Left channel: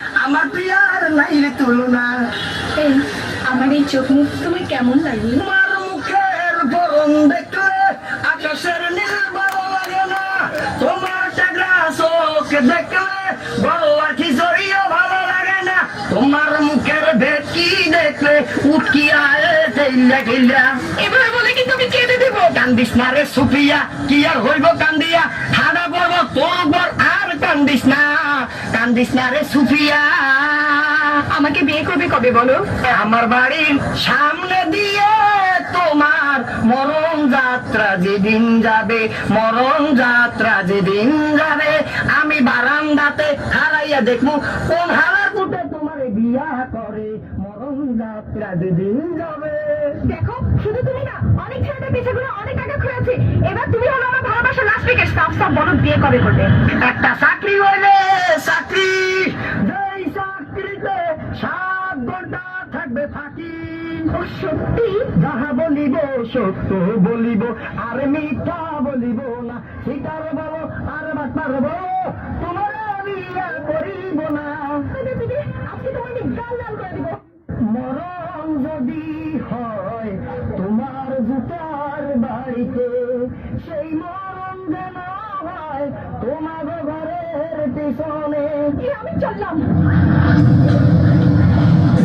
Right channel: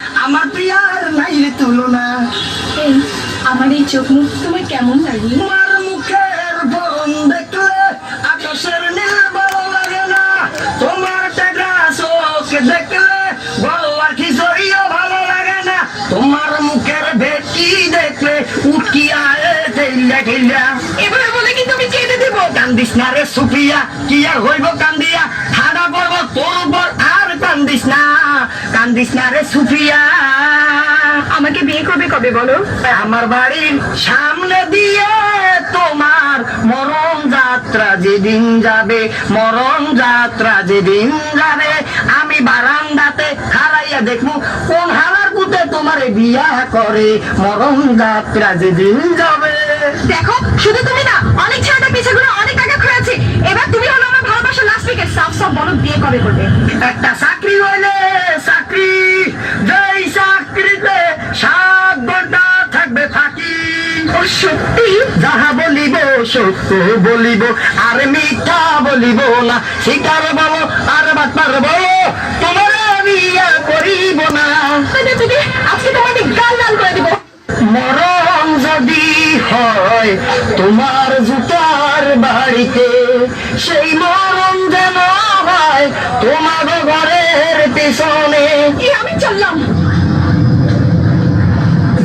আমার প্রিয়ার নাই রে তুলনা। এই আমার এই চোখ মুখ তোমার কেমন লাগে? তোমার মুখের বরণ দেখলে আকাশের নীল ভালো লাগে না। তোমার টাকা চোখ দেখলে বড় আখি জড়িও ভালো লাগে না। তোমার মুখের ভেটি দেখলে উঠকি আয়ে তেইলা খেলা। এভাবে বলে কি তুমি ছেড়ে দেবো? কান্দিস না রে সুফিয়া, কি আর হইব কান্দিয়া, ঠাডা পড়ব তোর উপর আর কান্দিস না, কান্দিস না রে সুফিয়া। আমাকে বিয়ে করবে কবে বলো? আমার বাড়ির সামনে দিয়ে তোমার মরণ যাত্রা যেদিন যাবে, মরণ যাত্রা যেদিন যাবে, আমি বারান্দাতে হারাইয়া দেখবো কোন হারার পুতে তোমার বিয়া করে, মরণ যাত্রা যেদিন যাবে। দেখো শুধু তুমি না, অনেক ছেলেটা পিছে ঘুরে অনেক টাকা খোঁয়াছে। এবার তুমি হলো আমার ভালোবাসার লাস্ট উইকেট। সাফ সাফ বলো বিয়ে কবে করবে? একটা চাকরি হইলে চাকরি, যেই চাকরিতে 7 ঘন্টা থাকবে ফাঁকি। ও সত্যি? যাহা বলিব সত্য বলিব, আর মিথ্যা বলিব না। শিকার বলো আর বাটপার বলো, তোমার বিয়া করিব না। তুমি আজকে তোমাকে গাল লাল করে দিব। মরণ যদি হয় তোমার জুতার বাড়িতে, সেই মরণ যেন হয় তোমার ঘরের পেছনে। আমি চললাম।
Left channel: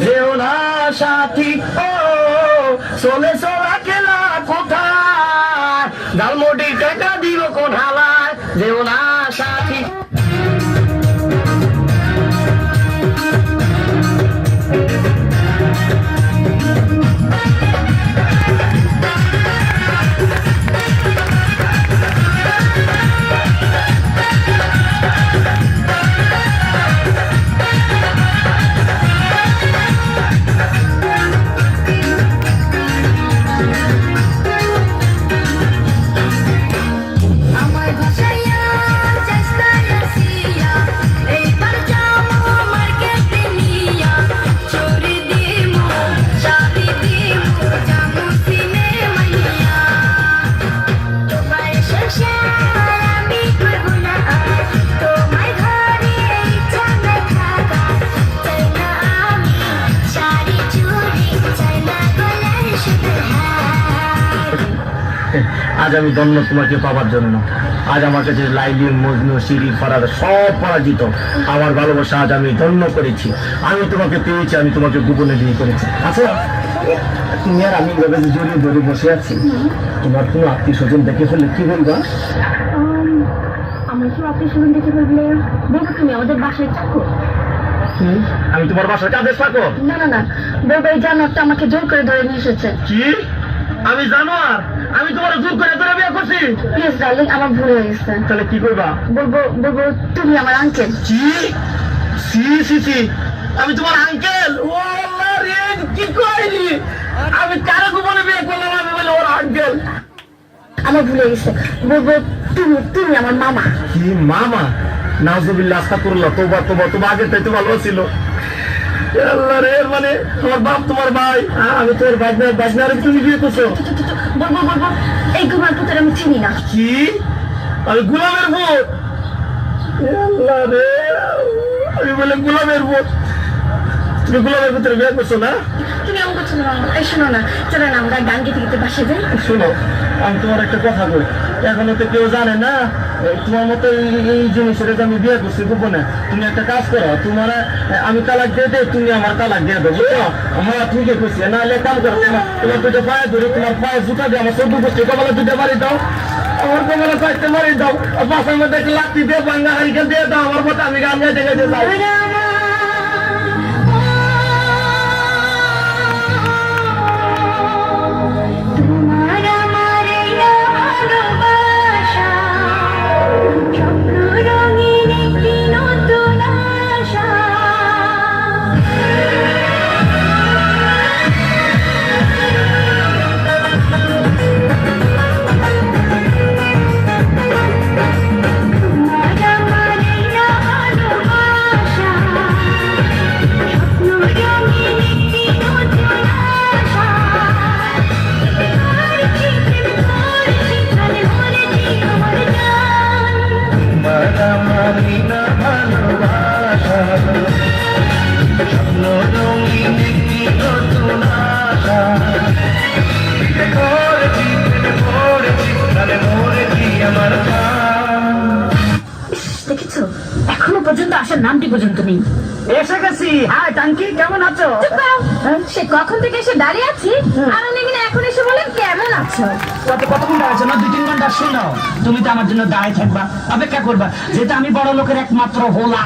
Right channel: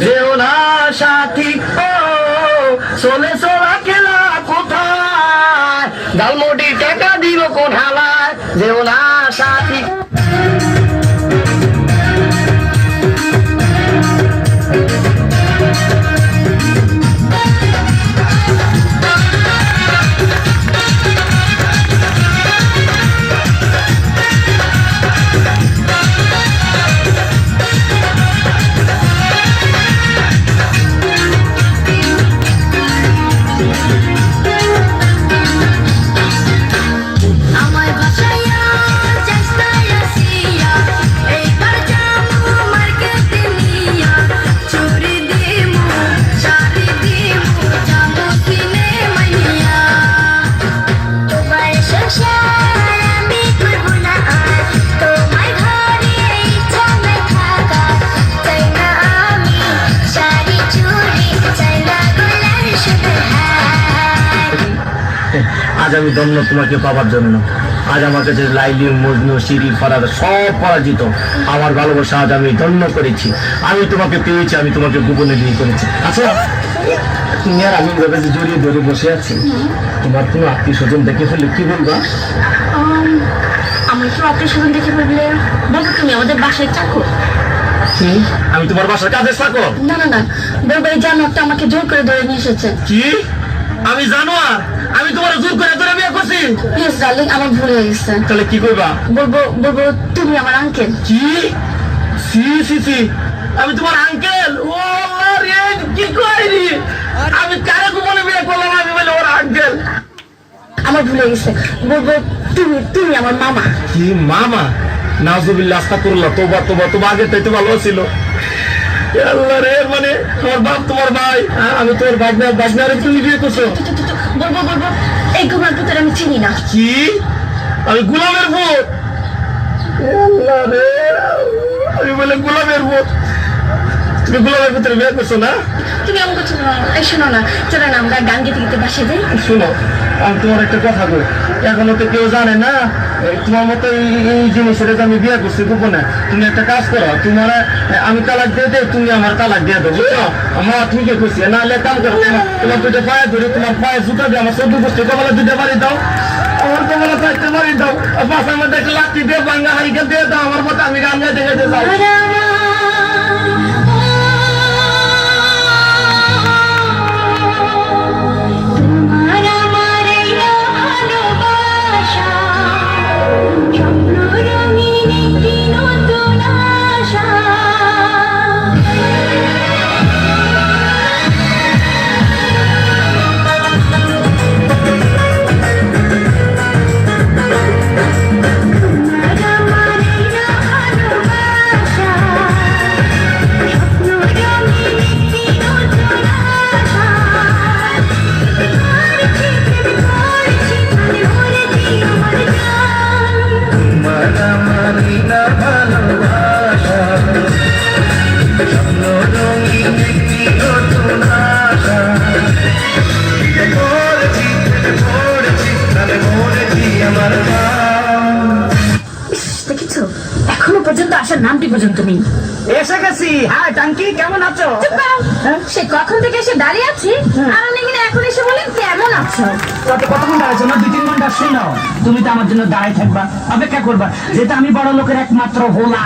যেও না সাথী, ও চলে চলা খেলা কোথায়, ঝালমুটি টাকা দিব কোন হালায়। যেও না সাথী। আমার ভাষায়া চেষ্টা আসিয়া এইবার যাবো মার্কেটে নিয়া, চুরি দিমু শাড়ি দিমু যাবো সিনেমায় নিয়া। তোমার সংসার আমি করবো না আর, তোমার ঘরে ইচ্ছা নাই থাকার। চাই না আমি শাড়ি চুড়ি, চাই না গলার শুধু হার। আজ আমি ধন্য তোমাকে পাবার জন্য। আজ আমার কাছে লাইলি, মজনু, শিরি, ফারাদ সব পরাজিত। আমার ভালোবাসা আজ আমি ধন্য করেছি। আমি তোমাকে পেয়েছি, আমি তোমাকে গোপনে বিয়ে করেছি। আচ্ছা, তুমি আর আমি এভাবে যে জড়িয়ে ধরে বসে আছি, তোমার কোনো আত্মীয় স্বজন দেখে ফেললে কি বলবা? আমার তো আত্মীয় স্বজন দেখে বললে বলবো তুমি আমাদের বাসায় চাকর। কি? আমি তোমার বাসার কাজের চাকর? না না না, বলবো এই জানোয়ারটা আমাকে জোর করে ধরে নিয়ে এসেছে। কি? আমি জানোয়ার? আমি তোমার জোর করে ধরে বিয়ে করছি? প্লিজ ডার্লিং, আমার ভুল হয়ে গেছে। তাহলে কি করবা? বলবো বলবো তুমি আমার আঙ্কেল। কি? সি সি সি, আমি তোমার আঙ্কেল? ও আল্লাহ রে, কি কইলি? আমি কারে গোপনে বিয়ে করলাম? আমি বলে ওর আঙ্কেল? আমার ভুল হয়ে গেছে। বলবো তুমি তুমি আমার মামা। কি মামা? নাউজুবিল্লাহ, আস্তাগফিরুল্লাহ, তোবা তোবা তোবা, আগে তাইতে ভালো ছিল। আল্লাহ রে, মানে আমার বাপ তোমার ভাই, আমি তোর বাজনারে তুমি বিয়ে করছো? বলবো বলবো এই গুমার পুত্র আমি চিনি না। কি? আমি গোলামের ভূত? আল্লাহ রে, আমি বলে গোলামের ভূত? তুমি গোলামের ভিতরে বিয়ে করছো না? তুমি এমন করছো না। এই শোনো না, চলো না আমরা গান গেতে গেতে বাসে যাই। শোনো, আমি তোমার একটা কথা বল, এখনো তো কেউ জানে না তোমার মতো এই জিনিসের আমি বিয়ে করছি গোপনে। তুমি একটা কাজ করো, তোমার আমি তালাক দিয়ে দেয়, তুমি আমার তালাক দিয়ে দেবো, বুঝছো? আমার ঠিকই করছি। নাহলে কাম করো, তোমার দুটো পায়ে ধরে, তোমার পায়ে জুতা দিয়ে আমার চোদ্দ গোষ্ঠী কপালে দুটো বাড়ি দাও, আমার কপালে চারটে বাড়ি দাও, পাশার মধ্যে একটা লাঠি দিয়ে বাঙ্গা হারিকেল দিয়ে দাও আমার মতো, আমি গান গাইতে গাইতে যাই। তোমার আমার এই ভালোবাসা স্বপ্ন রঙিন একটি নতুন আশা। তোমার আমার এই ভালোবাসা পর্যন্ত নেই। এসে গেছি। হাই টাঙ্কি, কেমন আছো? চুপ করো। সে কখন থেকে এসে দাঁড়িয়ে আছি আর উনি কিনা এখন এসে বলেন কেমন আছো। কতক্ষণ দাঁড়াচ্ছ? না 2-3 ঘন্টা শুনো। তুমি তো আমার জন্য দাঁড়ায় থাকবা, অপেক্ষা করবা, যেটা আমি বড় লোকের একমাত্র হোলা।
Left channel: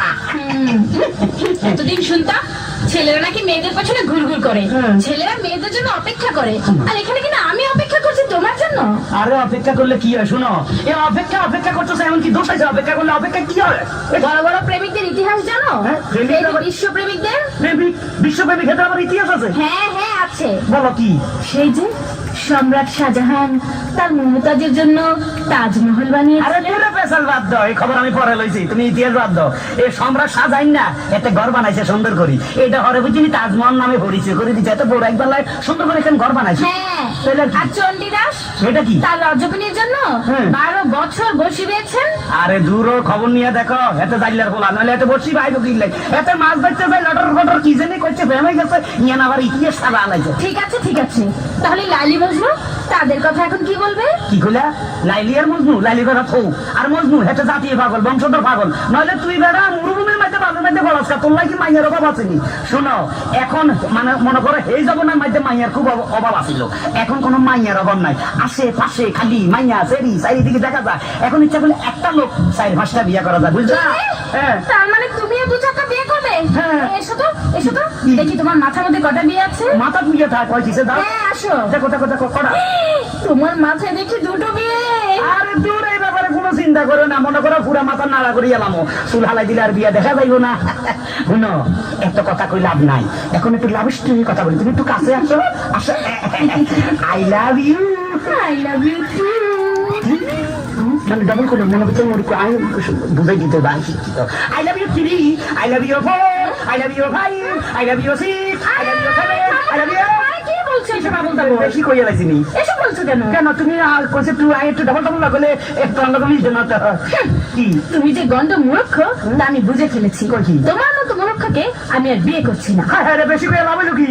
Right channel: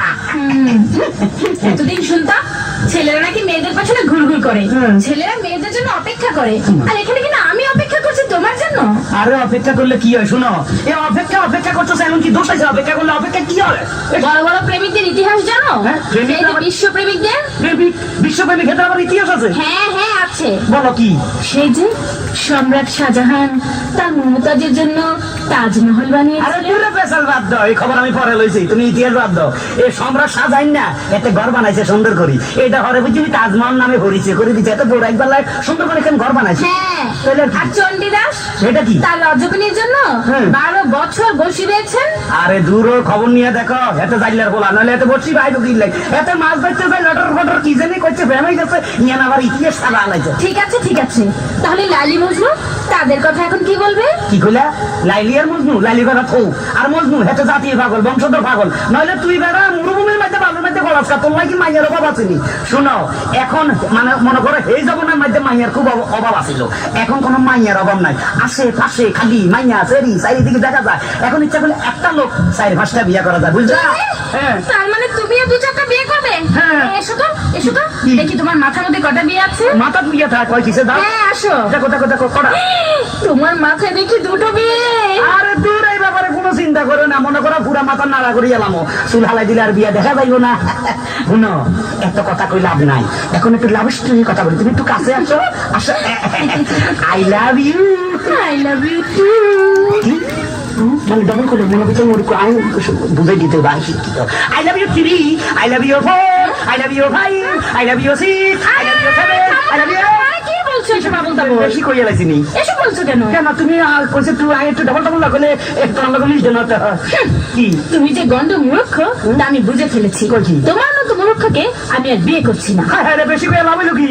এতদিন শুনতাম ছেলেরা নাকি মেয়েদের পেছনে ঘুরঘুর করে, ছেলেরা মেয়েদের জন্য অপেক্ষা করে, আর এখানে কিনা আমি অপেক্ষা করছি তোমার জন্য। আরে অপেক্ষা করলে কি হয়? শুনো, এই অপেক্ষা করছো, এমন কি দোষ আছে? অপেক্ষা করলে অপেক্ষা কি হয়? বড় বড় প্রেমিকদের ইতিহাস জানো? হ্যাঁ, প্রেমিক এই যে আবার- বিশ্ব প্রেমিকদের। বিশ্বপ্রেমী ক্ষেত্রে আমার ইতিহাস আছে। হ্যাঁ হ্যাঁ আছে। বলো কি? সেই যে সম্রাট শাহজাহান তার মমতাজের জন্য তাজমহল আরে বানিয়েছিলেন। পুরো পেশাল বাদ দাও, এই খবর আমি পরে লইছি, তুমি ইতিহাস বাদ দাও। এই সম্রাট সাজাইন না এতে ঘর বানাইছে সুন্দর করি, এটা হরে বুঝি তাজমহল নামে পরিচয় করে দিচ্ছে, এত বড় একবার লাই সুন্দর করে এখানে ঘর বানাইছে। হ্যাঁ, তাহলে কি? আর চণ্ডীদাস এটা কি? তার রজবনির জন্য হ্যাঁ। 12 বছর বসে রয়েছেন। আরে দূর হ, খবর নিয়ে দেখো, এতে জাইলার বলা নইলে এতে বসি বাইরে কিনলে এতে মাছ ধরতে যাই লটর ফটর কি জানি করছে, ফেমে গেছে ইয়ান আবার ইতিহাস সারা আলাইছে। ঠিক আছে ঠিক আছে, তাহলে লাইলি মজনু তাদের কথা এখন কি বলবে? কি কইলা? লাইলি আর মজনু? লাইলি বেড়া থৌ, আর মজনু হেতে জাতীয় পাগল, বংশধর পাগল, নইলে তুই বেড়া মরুভূমির মধ্যে বালুর মধ্যে গলাসকা, তোর লাগি মাইয়ার অভাব আসেনি। শুনো, এখন মানে মনে করো এই জগনের মধ্যে মাইয়ার খুব অভাব আছিল, এখন কোনো মাইয়ার অভাব নাই, আশে পাশে খালি মাইয়া সেরি চারিদিকে দেখা যায়। এখন ইচ্ছা করলে একটা লোক 4-5টা বিয়ে করা যায়, বুঝলা? হ্যাঁ। তার মানে তুমিও 2-4টা বিয়ে করবে? হ্যাঁ। এসো তো এসো তো, দেখি তোমার মাথার মধ্যে কটা বিয়ে আছে। মাথা বিয়ে থাক হয় কিসে দাও? হ্যাঁ আসো। দেখো দেখো দেখো কটা। তোমার মাথায় দেখি 2টো বিয়ে। আরে দূর, এই ব্যাপারে কোনো চিন্তা করো না, মনে করো পুরা মাথা নাড়া করি এলাম, চুল হালাই দিলে আর বিয়া দেখা যাইব না। শুনো, এত কথা কই লাভ নাই, এখন একটু লাভ স্টোরির কথা বলি, তুমি একটু কাছে আসো। আসো। I love you. I love you too. মানে ডাবল করে মনে ভিতরে মনে করে আমি বুঝাই দিতে বা শিক্ষিত। I love you 3, I love you 4, I love you 5, I love you 6, I love you 7, I love you. কি বলছো এসব আবল তাবল? বেশি কইয়া লাইছিনি এসব বলছো কেন? কেন? তুমি কইছে তুই আই একটু ডাবল ডাবল লাগলে একটু আলাদা মিশ দেন না। কি তুমি যে গন্ড মূর্খ তা আমি বুঝে ফেলেছি। কই কি? তোমার মতো মূর্খকে আমি আর বিয়ে করছি না। হ্যাঁ রে, বেশি কইয়া লাভ হইলো কি?